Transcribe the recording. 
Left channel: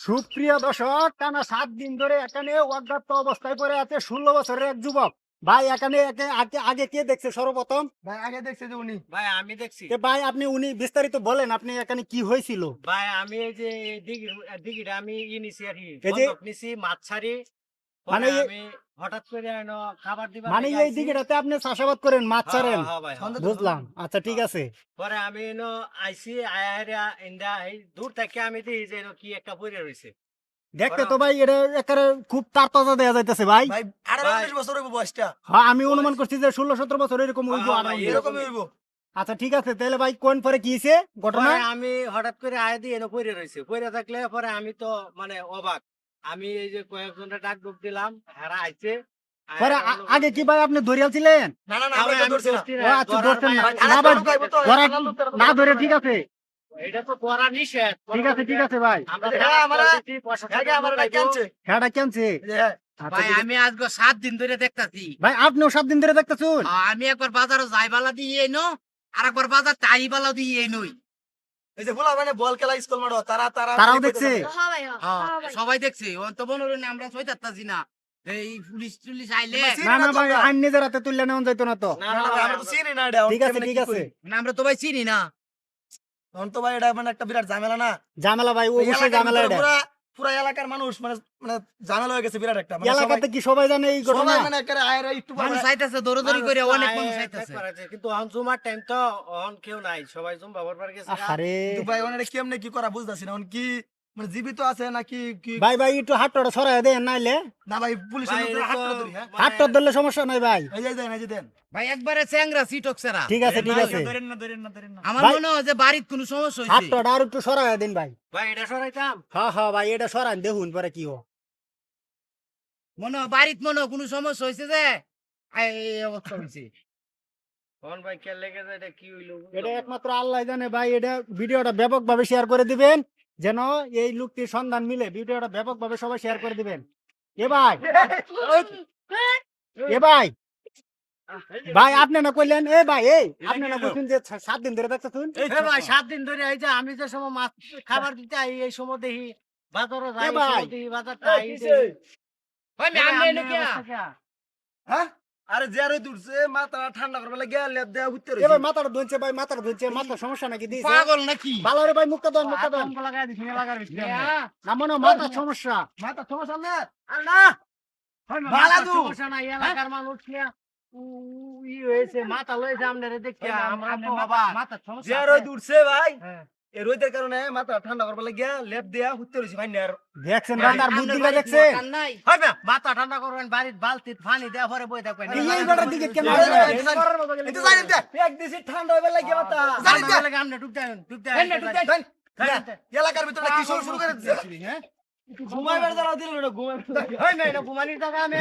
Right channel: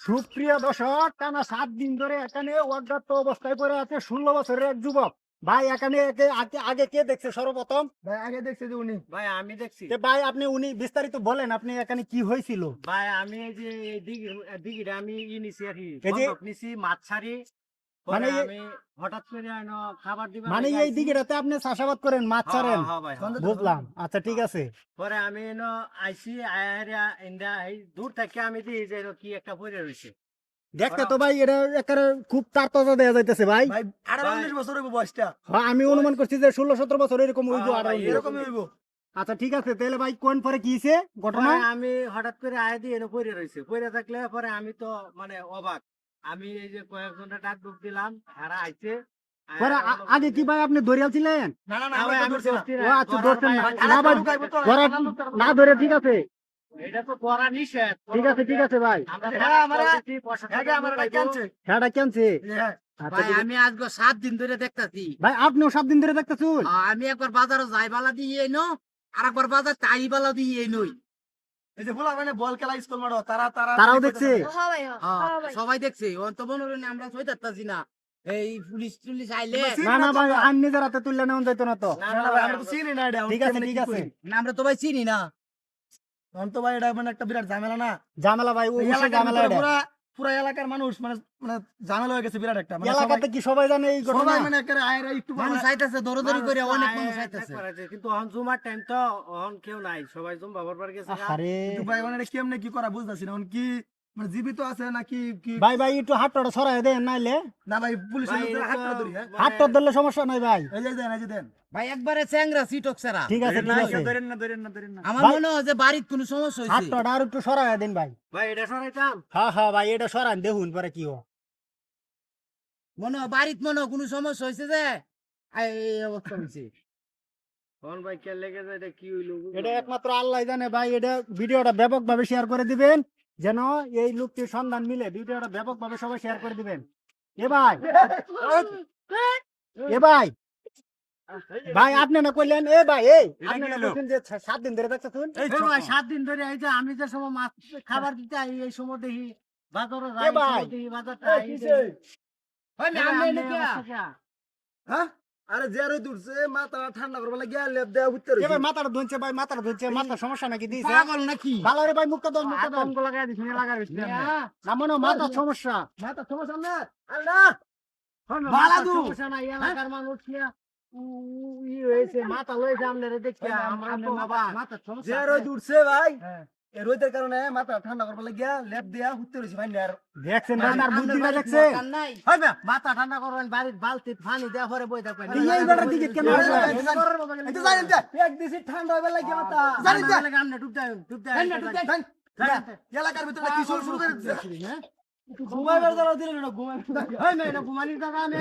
সুপ্রিয় দর্শক, টানা 7 দিন ধরে এখানে অজ্ঞাত অবস্থায় পড়ে আছে 16 বছরের এক যুবক। ভাই এখানে আগে কে দেখছে সর্বপ্রথম? ভাই আগে দেখছে যে উনি ভাই আমি দেখছি। ভাই আপনি উনি বিস্তারিত বলেন, আপনি এখানে কি হয়েছিল? ভাই আমি এই যে দিঘিটা আমি নিছি আর কি, এই যে- বন্ধক নিছি মাছ ছাড়ি। মানে পরে এই- আমি হঠাৎ করে খাবার দিবা মানে লাগি এই আইছি। দিকেটাতে আপনি চাষাবাদ করেন, মাছ হ্যাঁ, ছাড়েন? হ্যাঁ, হ্যাঁ ভাই, হ্যাঁ। বুঝলাম, আচ্ছা ঠিক আছে। পরে আমি আইছি আয়া ইন্দা এই দূর থেকে আমি দেখি যে কি একটা পড়ে রয়েছে। দেখতে তো ভাই এটা একেবারে খুব তাজা দেয়া যাইতেছে ভাই। ভাই 18-19 বছর হইব বয়সটা। হ্যাঁ, আমি অনুমান করছি যে 16-17 বছর এরকম হইব। হ্যাঁ, আর ভাই, এরকমই হইব। আচ্ছা ঠিক আছে, তাহলে ভাই কোন পরে কি হয়েছে ঘটনা? পরে আমি হঠাৎ করে আয়া দিয়ে পড়ে রয়েছে। পড়ে থাকলে পরে আমি তো মানে অবাক। আমি এই যে কয়েকজনের ডাক ডুব দিলাম, এরা আইছে। পরে আগে কি ভাই আপনি ধরিয়াল ছিলেন? না না না না আমরা ভাই, তো আমি ধরছি না। ধরছি ও আচ্ছা, ধরছেন না। ভাই, না ভাই, ঢুকাইবো তো, না ধরে ঠিক আছে, এটা তো করা নিষেধ। ঠিক আছে, ঠিক আছে ভাই। আমরা হ্যাঁ, আমরা- দিছি, প্রশাসন আগে আমার লোক আইবো। কাছে খেয়াটা কেনছে? হ্যাঁ আচ্ছা, ভাই ঠিক আছে। আমি আজকে 7 দিন ধরে দেখতাছি। ভাই আপনিও 7 দিন ধরে দেখতেছুন? আমি একবার বাজারে যাই বালা দিয়ে এনো, আর একবার বাজার তাই বালা দিয়ে এনই। এই যে বলা মানে বল খেলা স্কুল মাঠে তারাও দেখছে? সবাই দেখছে, ও তো মনে হলো না আমরা সইতাছি না। এই পুলিশ টুলিশ আইলে না না ভাই, আইন নিজের হাতে তুললে নেওয়া যাইতো না তো। না, না না, না ভাই, আমরা তো ভাই, চিনি না এটা। ঠিক আছে, ঠিক আছে। না, আমরা তো ভাই চিনি না। তখন তো ভাই এটা মানে একটা বিরাট ঝামেলা না। ঝামেলা ভাই, এই অবশ্যই এলাকার ঝামেলা ভিতরে এটা। পুরা এলাকার মানুষ মানে মানে ঝামেলা হয়ে গেছে বিরাট একটা। মানে এলাকাতে কি সবাই জানে এই ঘটনা? সবাই মানে একেবারে আয়েরা একটু মানুষ মানে- চাইতেছে দৌড়দৌড়ি করে, অনেক মানুষ মানুষ চাইতেছে। করেছে, কিন্তু অন জুমার টাইম তো অন কেউ নাই, সবাই জুম বাবার পার গেছে গা। আরে কিন্তু ভাই ওনারা কেমনে কি করা বুঝতাছি না। কি মানে জীবিত আছে নাকি কি? ভাই ভাই একটু হাতটা সরাই দেন নাইলে। না ভাই পুলিশের ভাই, লোকদের এটা তো হাতটা ধরি। হ্যাঁ মানে- হাতটা ধরলে সমস্যা নাই ভাই। এই যে দেন, এই যে দেন। ভাই একবারে চ্যাংরা সিটক সেরা। ঠিক আছে, ঠিক আছে। আমার ভাই- মনে হয় যে বাড়ির কোনো সমস্যা হয়েছে। হাতটা আর একটু সরাই দেন ভাই। ভাই এটা সরাইতাম। হ্যাঁ হ্যাঁ ভাই, এটা সরান দেখুন পরে কি হয়। মনে হয় বাড়ির মনে হয় কোনো সমস্যা হয়েছে যে এই অবস্থা হয়েছে। কোন ভাই কে লেগে যায়, এটা কি হইলো? এটা একমাত্র আল্লাহ জানে ভাই। এটা ভিডিওটা ব্যাপকভাবে শেয়ার করে দিবেন, যেন এই লোকটির সন্ধান মিলে। ভিডিওটা ব্যাপকভাবে সবাই শেয়ার করে দিবেন। এ ভাই, এ ভাই, ভাই আপনি না কইলেন, এ ভাই এই আপনি না কইছেন যে 7 দিন ধরে দেখতেছুন? এই ভাই 7 দিন ধরে এই যে আমি যে সময় মাছ খাবার দিতে আই, এই সময় দেখি বাজারে যাই, এ ভাই, দেখি বাজারটা এই আই কিসে? ভাই আমি এনে কি হ্যাঁ আরে যারে দূরছে মাথা ঠান্ডা করবে লাগে লেপ দেয়া উত্তর এ ভাই মাথাটা ধুনছে ভাই, মাথাটা ধুনছে, মাথা সমস্যা নাকি দিছে? পাগল নাকি? ভালো রে ভাই, মুখটা ধর, মুখটা ধর। আতঙ্ক লাগাই দিছি, লাগাই দিছি। না মনে হয় মাথার সমস্যা। মাথা সমস্যা না। আল্লাহ বালা দু। সমস্যা নাই, এলাকার মানুষ নিয়ে ই হয়েছে, মাথা লইছে আপনারে দেখি আমরা তো অবাক। মাথার সমস্যা যারে আছে? দূরছে ভাই হ্যাঁ। এই রোদের কারণে মাথা ঠান্ডা করবে লাগে লেপ দেয়া উত্তর হইছে ভাই আর দেখছেন ভাই, মাথার আপনার বুদ্ধিটা বাড়ির দেখছেন? দরকার নাই। হয় না, মাথা ঠান্ডা করবেন, বাড়ির বালতি পানি দেওয়া পরে বই থাকবেন। এই বেটার দিকে কেন আরে, আসবে? এই তো জানেন তো এক দিছি ঠান্ডা হবে লাগে মাথা জানেন তো আপনি ডুব দেন, ডুব দেন, দেন, এলাকার ভিতরে কি শুরু করে দিছে হ্যাঁ? ঘুমাইবার জ্বালা দিল না ঘুমাইবার হয় না, এটা ঘুমানির জায়গা আমি